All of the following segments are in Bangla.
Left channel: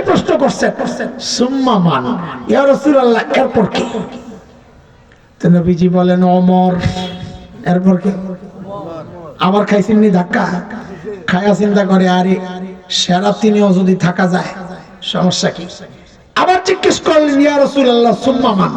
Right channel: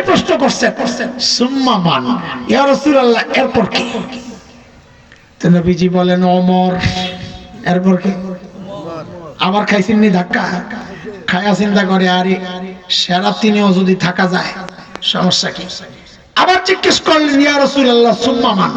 এটাই প্রশ্ন করছেন, সুম্মা মান ইয়া রাসূলুল্লাহ, এরপর কি? তো নবীজি বলেন ওমর। এরপর কি? আবার খাইছেন নি ধাক্কা? খায়া চিন্তা করে আরে সেরা তিনেও যদি থাকা যায় সমস্যা কি? আবার জিজ্ঞেস করলেন ইয়া রাসূলুল্লাহ সুম্মা মান,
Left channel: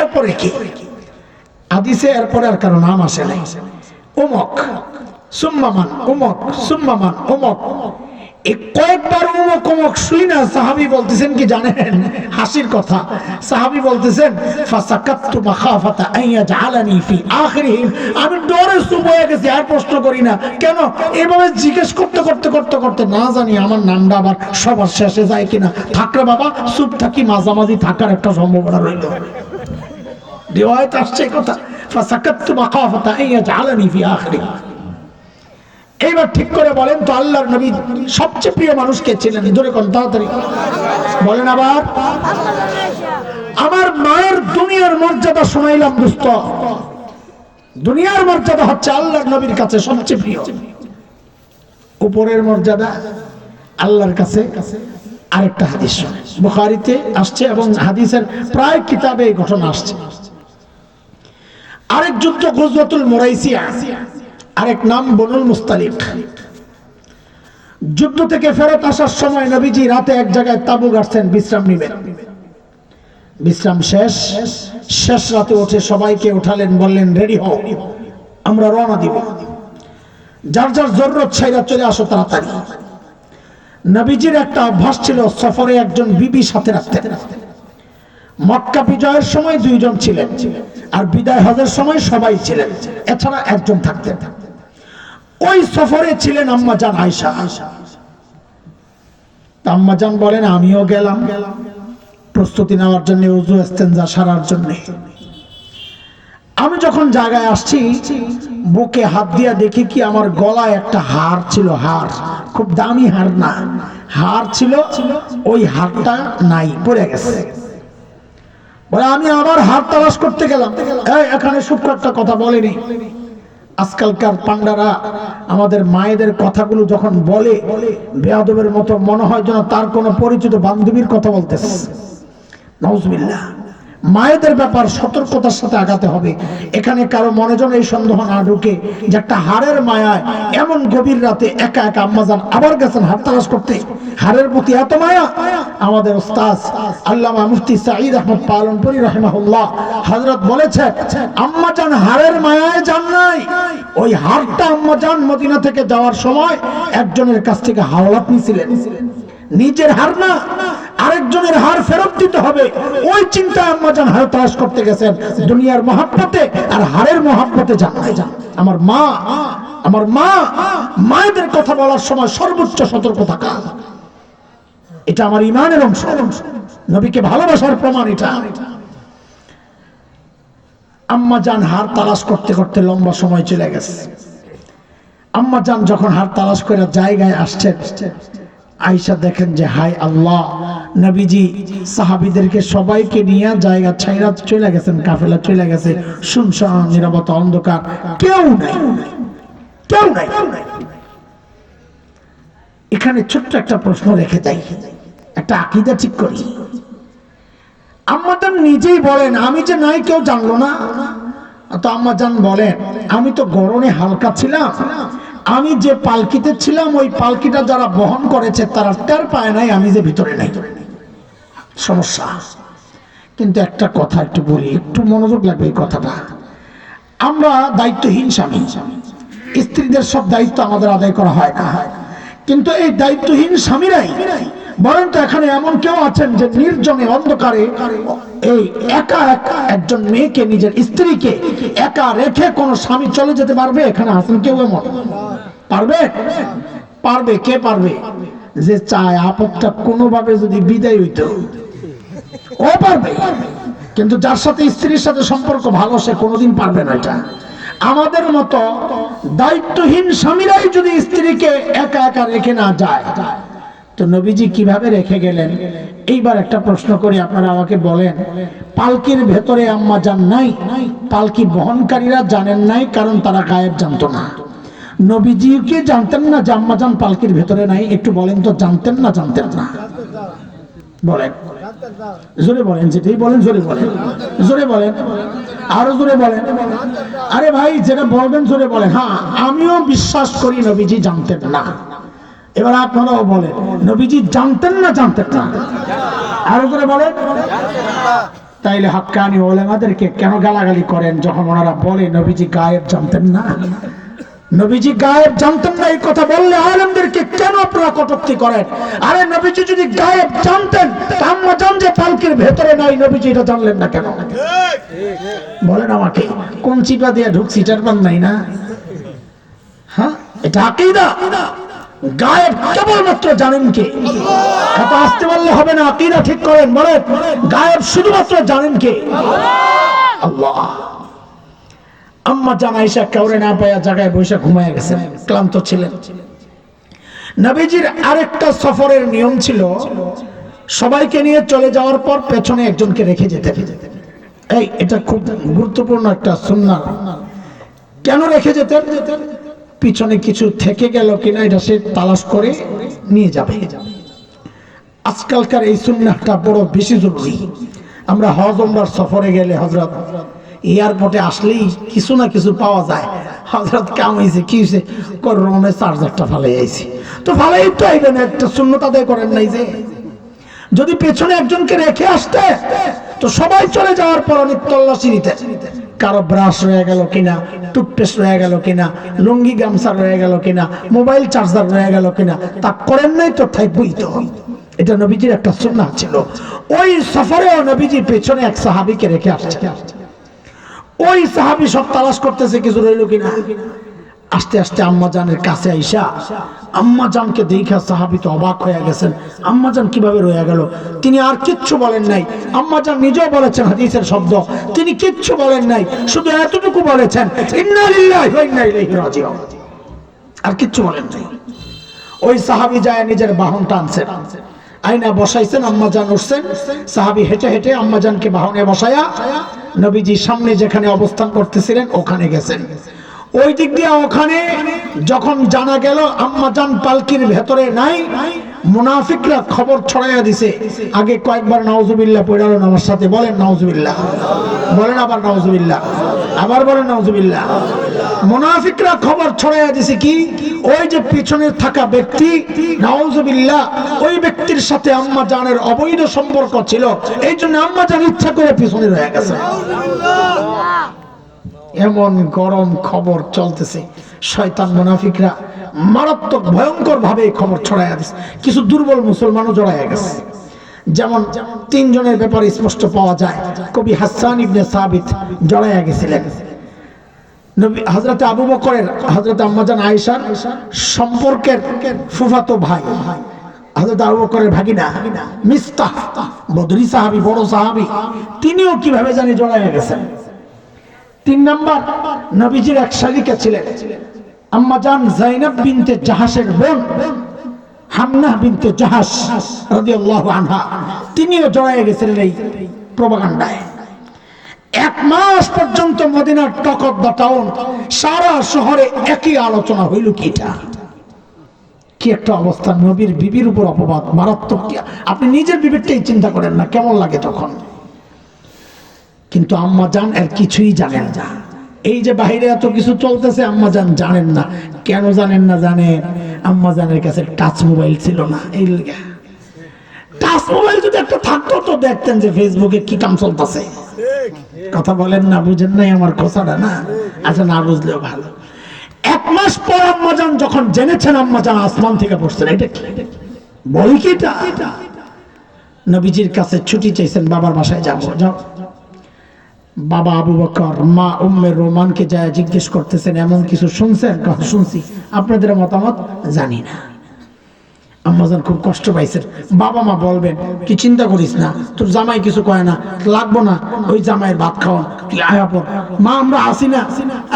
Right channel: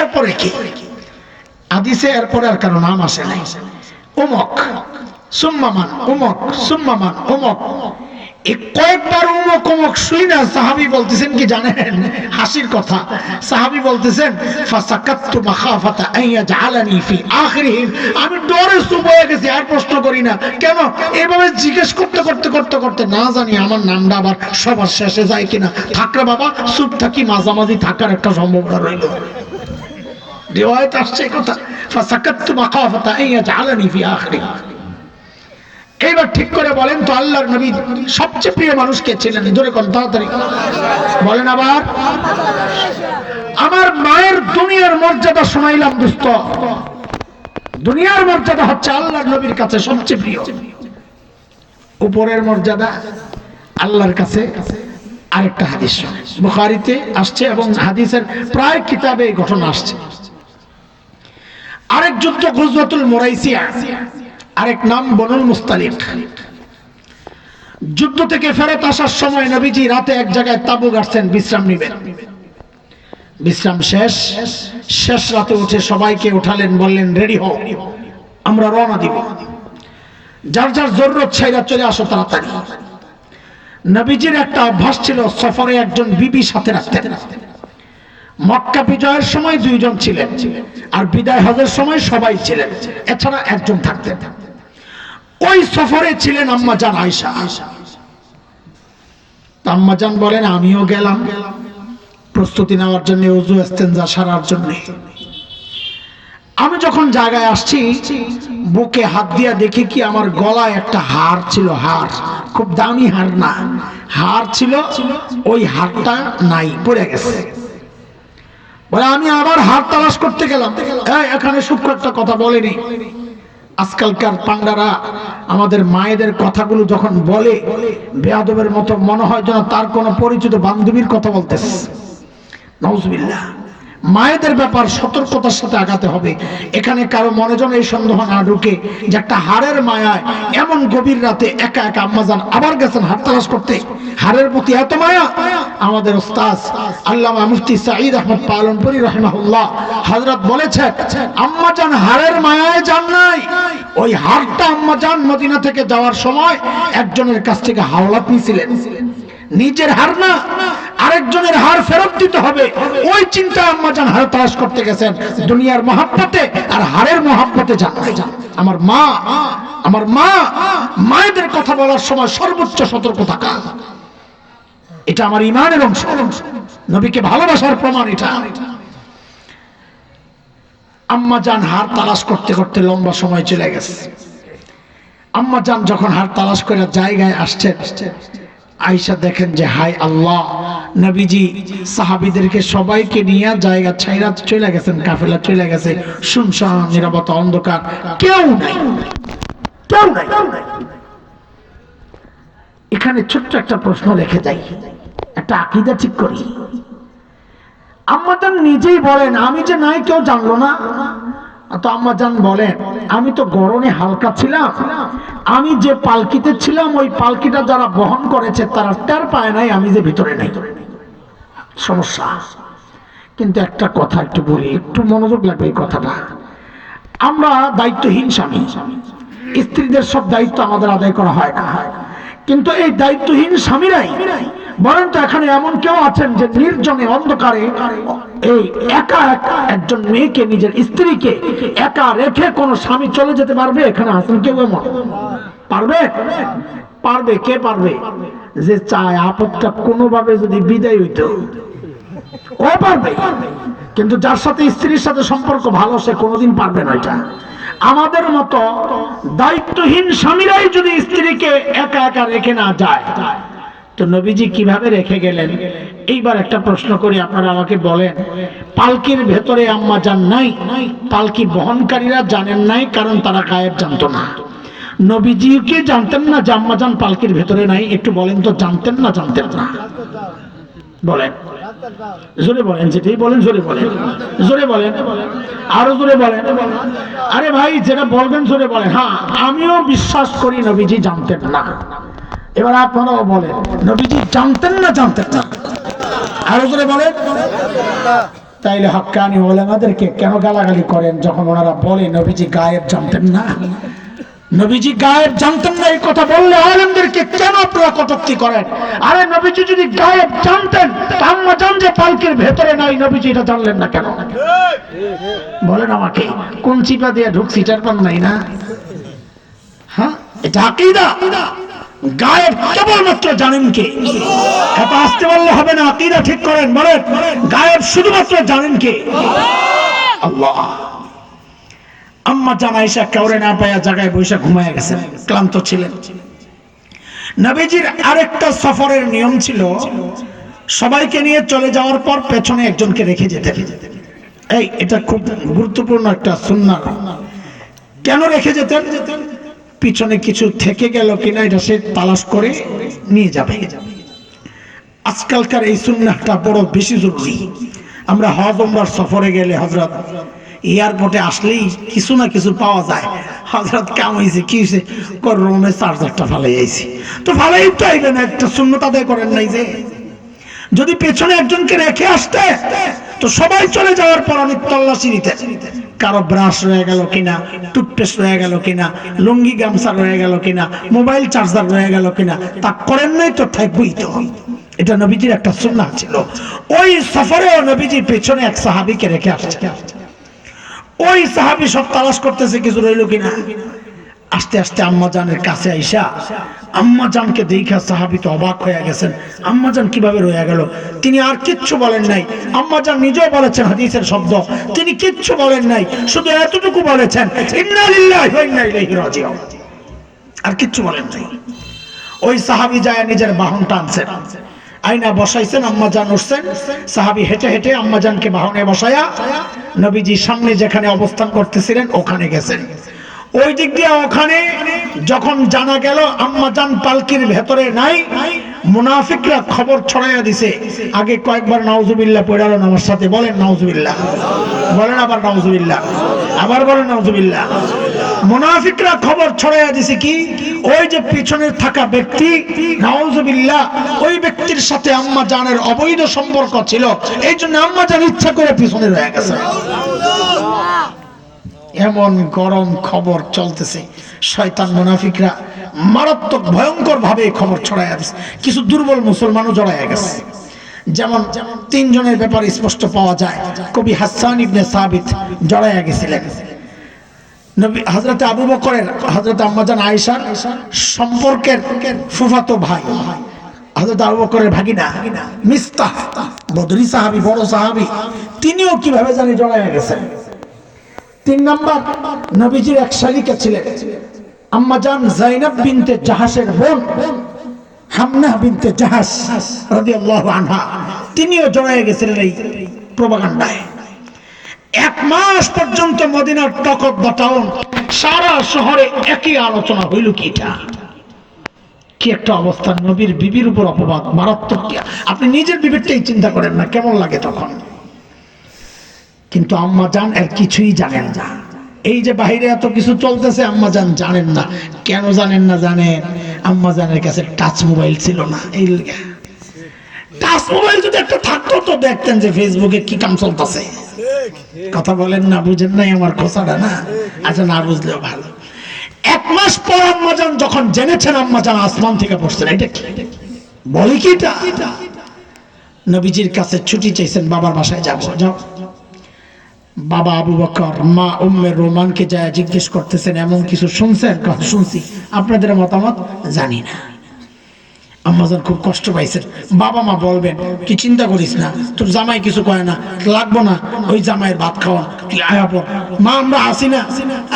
এরপরে কি? হাদিসে এরপরে আর কারো নাম আসে নাই। উমক, সুম্মা মান, উমক, সুম্মা মান, উমক। এই কয়েকবার উমক উমক শুই না সাহাবী বলতেছেন কি জানেন? হাসির কথা। সাহাবী বলতেছেন ফাসাকাততু মাখাফাতা আন ইয়াজআলানি ফি আখিরিহিম, আমি ডরে চুপ হয়ে গেছি, আর প্রশ্ন করি না। কেন? এভাবে জিজ্ঞেস করতে করতে করতে করতে না জানি আমার নামটা আবার সবার শেষে যায় কিনা। থাকরে বাবা চুপ থাকি, মাঝামাঝি থাকার একটা সম্ভাবনা রইল। রিওয়ায়াত আসছে কথা, ফাসাকাততু মাখাফাতা আন ইয়াজআলানি ফি আখিরিহিম। এইবার ঠিক করে বলেন তো আল্লাহর নবী সবচেয়ে প্রিয় মানুষ কে ছিলেন? জোরে কোন তাড়াতাড়ি বলেন। আবার আমার মায়ের দুনিয়ার মর্যাদা শোনাইলাম দোস্ত। দুনিয়ার মর্যাদা হচ্ছে আল্লাহর নবীর কাছে সবচেয়ে প্রিয়। উপরের মর্যাদা আল্লাহর কাছে আরেকটা হাদিস বুখারীতে আসছে এবং হাদিসের প্রায় কিতাবে এই ঘটনা আসছে। আরেক যুদ্ধ গজওয়াতুল মুরাইসিয়া, আরেক নাম বনুল মুস্তালিক। যুদ্ধ থেকে ফেরত আসার সময় নবীজি রাতে এক জায়গায় তাঁবু গাড়ছেন, বিশ্রাম নেবেন। বিশ্রাম শেষ রাতে উঠে সবাইকে উঠালেন, বললেন রেডি হও, আমরা রওনা দিব। যার যার জরুরত ছাইরা চলে আসো তাড়াতাড়ি। নবীজির একটা অভ্যাস ছিল সফরে একজন বিবি সাথে রাখতেন। মক্কা বিজয়ের সময় 2 জন ছিলেন, আর বিদায় হজের সময় সবাই ছিলেন, এছাড়া একজন থাকতেন। ওই সফরে ছিলেন আম্মা জান আয়েশা। আম্মা জান বলেন আমিও গেলাম প্রস্তুতি নেওয়ার জন্য, ওযু ইস্তেনজা সারার জন্য। আমি যখন জায়গায় আসছি বুকে হাত দিয়া দেখি কি আমার গলায় একটা হার ছিল। হার খুব দামি হার না, হার ছিল, ওই হারটা নাই, পড়ে গেছে। বলে আমি আবার হার তালাশ করতে গেলাম। এখানে সূক্ষ্ম একটা কথা বলেনি। আজকালকার পান্ডারা আমাদের মায়েদের কথাগুলো যখন বলে বেয়াদবের মতো মনে হয় যেন তার কোনো পরিচিত বান্ধবীর কথা বলতেছে। নাউজুবিল্লাহ। মায়েদের ব্যাপার সতর্কতার সাথে আগাতে হবে। এখানে কারো মনে যেন এই সন্দেহ না ঢুকে যে একটা হারের মায়ায় এমন গভীর রাতে একা একা আম্মাজান আবার গেছেন হার তালাশ করতে। হারের প্রতি এত মায়া। আমাদের উস্তাদ আল্লামা মুফতি সাঈদ আহমদ পালনপুরি রাহিমাহুল্লাহ হযরত বলেছেন আম্মাজান হারের মায়ায় যান নাই, ওই হারটা আম্মাজান মদিনা থেকে যাওয়ার সময় একজনের কাছ থেকে হাওলাত নিয়েছিলেন। নিজের হার না, আরেকজনের হার ফেরত দিতে হবে, ওই চিন্তা আম্মাজান হার তালাশ করতে গেছেন। দুনিয়ার মহাব্বতে আর হারের মহাব্বতে যান নাই। আমার মা, মায়েদের কথা বলার সময় সর্বোচ্চ সতর্ক থাকা, এটা আমার ঈমানের অংশ, নবীকে ভালোবাসার প্রমাণ এটা। আম্মাজান হার তালাশ করতে করতে লম্বা সময় চলে গেছে। আম্মাজান যখন হার তালাশ করে জায়গায় আসছেন, আয়েশা দেখেন যে হায় আল্লাহ, নবীজি সাহাবীদেরকে সবাইকে নিয়ে জায়গা ছাইরা চলে গেছেন, কাফেলা চলে গেছে, শুনশান নীরবতা, অন্ধকার, কেউ নাই। এখানে ছোট্ট একটা প্রশ্ন রেখে যাই, একটা আকীদা ঠিক করি। আম্মাজান নিজেই বলেন আমি যে নাই কেউ জানলো না। তো আম্মাজান বলেন আমি তো গরমে হালকা ছিলাম, আমি যে পালকিতে ছিলাম ওই পালকিটা যারা বহন করেছে তারা টের পায় নাই আমি যে ভিতরে নাই। সমস্যা। কিন্তু একটা কথা একটু বলি, একটু মনোযোগ লাগবে এই কথাটা। আমরা দায়িত্বহীন স্বামী, স্ত্রীদের সব দায়িত্ব আমাদের আদায় করা হয় না, কিন্তু এই দায়িত্বহীন স্বামীরাই বলেন তো এখানে এমন কেউ আছেন যে নির্জনে অন্ধকারে এই একা একা একজন মেয়েকে, নিজের স্ত্রীকে একা রেখে কোন স্বামী চলে যেতে পারবে? এখানে আছেন কেউ এমন? পারবে? পারবে। কে পারবে? যে চায় আপদটা কোনোভাবে যদি বিদায় হইতো, ও পারবে। কিন্তু যার সাথে স্ত্রীর সাথে সম্পর্ক ভালো সে কোনোদিন পারবে না। এটা আমাদের মতো দায়িত্বহীন স্বামীরাই যদি স্ত্রীকে একা একা রেখে না যায়, তো নবীজি কিভাবে রেখে গেলেন? এইবার একটা প্রশ্ন করি, আপনারা আমাকে বলেন, পালকির ভেতরে আম্মাজান নাই, পালকি বহনকারীরা জানেন নাই, কারণ তারা গায়েব জানতো না। নবীজিকে জানতেন না যে আম্মাজান পালকির ভেতরে নাই? একটু বলেন তো, জানতেন না? জানতেন না। বলেন, জোরে বলেন, যেটাই বলেন জোরে বলেন, জোরে বলেন, আরো জোরে বলেন। আরে ভাই যেটা বলবেন জোরে বলেন। হ্যাঁ, আমিও বিশ্বাস করি নবীজি জানতেন না। এবার আপনারাও বলেন, নবীজি জানতেন না জানতেন না? আরো জোরে বলেন। তাইলে হাক্কানি ওলামাদেরকে কেন গালাগালি করেন যখন ওনারা বলে নবীজি গায়েব জানতেন না? নবীজি গায়েব জানতেন না এই কথা বললে আলেমদেরকে কেন আপনারা কটূক্তি করেন? আরে নবীজি যদি গায়েব জানতেন, আম্মা জান যে পালকির ভেতরে নাই, নবীজি এটা জানলেন না কেন? বলেন আমাকে, কোন চিপা দিয়ে ঢুকছি এটার পান নাই না? হ্যাঁ, এটা আকীদা। গায়েব কেবলমাত্র জানেন কে? এত আসতে বললে হবে না, আকীদা ঠিক করেন। বলেন, গায়েব শুধুমাত্র জানেন কে? আল্লাহ। আম্মা জান আয়েশা কাউরে না পায়া জায়গায় বসে ঘুমায় গেছেন, ক্লান্ত ছিলেন। নবীজির আরেকটা সফরের নিয়ম ছিল, সবাইকে নিয়ে চলে যাওয়ার পর পেছনে একজনকে রেখে যেতেন। এটা খুব গুরুত্বপূর্ণ একটা সুন্নাহ। কেন রেখে যেতেন? পিছনে কিছু থেকে গেল কিনা এটা সে তালাশ করে নিয়ে যাবে। আজকালকার এই সুন্নাহটা বড় বেশি জরুরি। আমরা হজ ওমরার সফরে গেলে হযরত এয়ারপোর্টে আসলেই কিছু না কিছু পাওয়া যায়। হযরত কাম হয়েছে, কি হয়েছে? রুমের চার্জারটা ফালাই আইছি। তো ফালাই তো আইবেন, একটা সুন্নত আদায় করেন নাই যে? যদি পেছনে একজনকে রেখে আসতে তো সবাই চলে যাওয়ার পর অনেক তল্লাশি নিতে, কারো ব্রাশ রয়ে গেল কিনা, টুথপেস্ট রয়ে গেল কিনা, লুঙ্গি গামছা রয়ে গেল কিনা, মোবাইল চার্জার রয়ে গেল কিনা, তা করেন নাই তো থাকবেই তো। এটা নবীজির একটা সুন্নাহ ছিল। ওই সফরেও নবীজি পেছনে এক সাহাবীকে রেখে আসছে। ওই সাহাবী সব তালাশ করতেছে কিছু রইল কিনা। আস্তে আস্তে আম্মা জানের কাছে আইসা আম্মা জানকে দেখা সাহাবী তো অবাক হয়ে গেছেন, আম্মা জান কিভাবে রয়ে গেল। তিনি আর কিচ্ছু বলেন নাই। আম্মা জান নিজেও বলেছেন হাদিসের শব্দ, তিনি কিচ্ছু বলেন নাই, শুধু এতটুকু বলেছেন, ইন্না লিল্লাহি ওয়া ইন্না ইলাইহি রাজিউন, আর কিচ্ছু বলেন নাই। ওই সাহাবী যায় নিজের বাহন টানছেন, আয়না বসাইছেন, আম্মা জান উঠছেন, সাহাবী হেঁটে হেঁটে আম্মা জানকে বাহনে বসায়া নবীজি সামনে যেখানে অবস্থান করতেছিলেন ওখানে গেছেন। ওই দিক দিয়ে ওখানে যখন জানা গেল আম্মা জান পালকির ভেতরে নাই, মুনাফিকরা খবর ছড়াইয়া দিছে। আগে কয়েকবার নাউজুবিল্লাহ পড়ালেন আমার সাথে, বলেন নাউজুবিল্লাহ, বলেন আবার নাউজুবিল্লাহ, আবার বলেন নাউজুবিল্লাহ। মুনাফিকরা খবর ছড়াইয়া দিছে কি, ওই যে পিছনে থাকা ব্যক্তি নাউজুবিল্লাহ, ওই ব্যক্তির সাথে আম্মা জানের অবৈধ সম্পর্ক ছিল, এই জন্য আম্মা জান ইচ্ছা করে পিছনে রয়ে গেছে। এমন গরম খবর চলতেছে, শয়তান মুনাফিকরা মারাত্মক ভয়ঙ্কর ভাবে খবর ছড়াইয়া দিচ্ছে। কিছু দুর্বল মুসলমানও জড়াইয়া গেছে। যেমন তিনজনের ব্যাপারে স্পষ্ট পাওয়া যায়। কবি হাসান ইবনে সাবিত জড়াইয়া গেছিলেন। নবী হযরত আবু বকরের হযরত আম্মা জান আয়েশার সম্পর্কের ফুফাতো ভাই হযরত আবু বকরের ভাগিনা মিস্তাহ, বদরি সাহাবী, বড় সাহাবী, তিনিও কিভাবে জানি জড়াইয়া গেছেন। 3 নাম্বার, নবীজির এক শালিকা ছিলেন আম্মা জান যায়েনব বিনতে জাহাশের বোন হামনা বিনতে জাহাশ রাদিয়াল্লাহু আনহা, তিনিও জড়াইয়া গেছিলেন এই প্রপাগান্ডায়। 1 মাস পর্যন্ত মদিনার টকট বাটাউন সারা শহরে একই আলোচনা হইল। কি একটা অবস্থা, নবীর বিবির উপর অপবাদ, মারাত্মক। আপনি নিজের বিবিরটাই চিন্তা করেন না কেমন লাগে তখন। কিন্তু আম্মা জান এর কিছুই জানেন না। এই যে বাইরে এত কিছু চলতেছে আম্মা জান জানেন না। কেন জানেন না জানেন? আম্মা জানের কাছে টাচ মোবাইল ছিল না। এই টাচ মোবাইল যদি একটা থাকতো তো দেখতেন যে ফেসবুকে কি কাম চলতেছে। কথা বলেন না, বুঝেন নাই আমার কথাটা না? আচ্ছা, না বুঝলেও ভালো। 1 মাস পর আম্মা জান যখন জেনেছেন, আম্মা জান আসমান থেকে পড়ছেন। এটা কি বলি কি? এটা নবীজির কাছে ছুটি চাইছেন, বাবার বাসায় যাবো। যাও। বাবা আবু বকর মা উম্মে রোমানকে যায় জিজ্ঞেস করতেছেন, এমন কিছু শুনছেন? শুনছি, আপনাদের মতামত জানি না। আম্মাজান খুব কষ্ট পাইছেন। বাবা মা বলবেন, কি চিন্তা করিস না, তোর জামাই কিছু কয় না, লাগবো না ওই জামাইয়ের ভাত খাওয়া, তুই আয়া পর। মা আমরা হাসি না,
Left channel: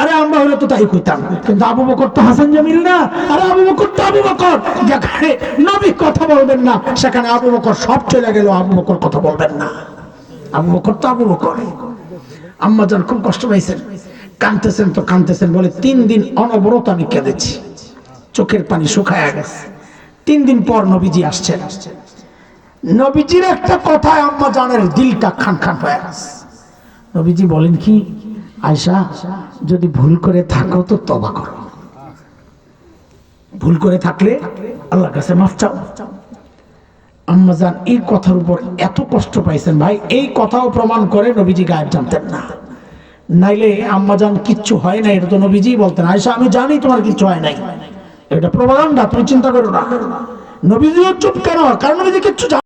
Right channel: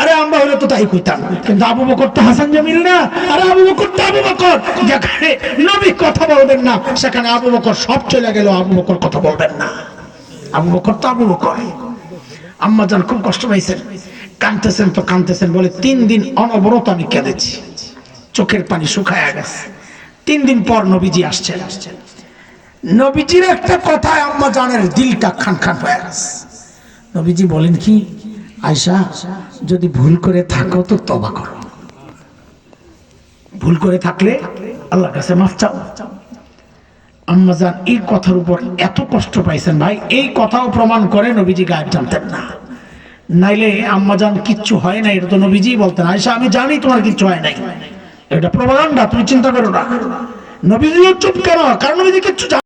আরে আমরা হলে তো তাই কইতাম, কিন্তু আবু বকর তো হাসান জামিল না। আরে আবু বকর তো আবু বকর, যেখানে নবী কথা বলবেন না সেখানে আবু বকর সব চলে গেল, আবু বকর কথা বলবেন না। আবু বকর তো আবু বকর। আম্মাজান খুব কষ্ট পাইছেন, কাঁদতেছেন তো কাঁদতেছেন। বলে 3 দিন অনবরত আমি কেঁদেছি, চোখের পানি শুকায় গেছে। 3 দিন পর নবীজি আসছেন। নবীজির একটা কথায় আম্মা জানের দিলটা খান খান হয়ে গেছে। নবীজি বলেন কি, আয়েশা যদি ভুল করে থাকো তো তওবা করো, ভুল করে থাকলে আল্লাহর কাছে মাফ চাও। আম্মা জান এই কথার উপর এত কষ্ট পাইছেন ভাই, এই কথাও প্রমাণ করে নবীজি গায়েব জানতেন না। নাইলে আম্মা জান কিচ্ছু হয় না এটা তো নবীজি বলতেন, আয়েশা আমি জানি তোমার কিচ্ছু হয় নাই, এটা প্রমাণটা তুমি চিন্তা করো না। নবীজিও চুপ কেন? কারণ নবীজি কিচ্ছু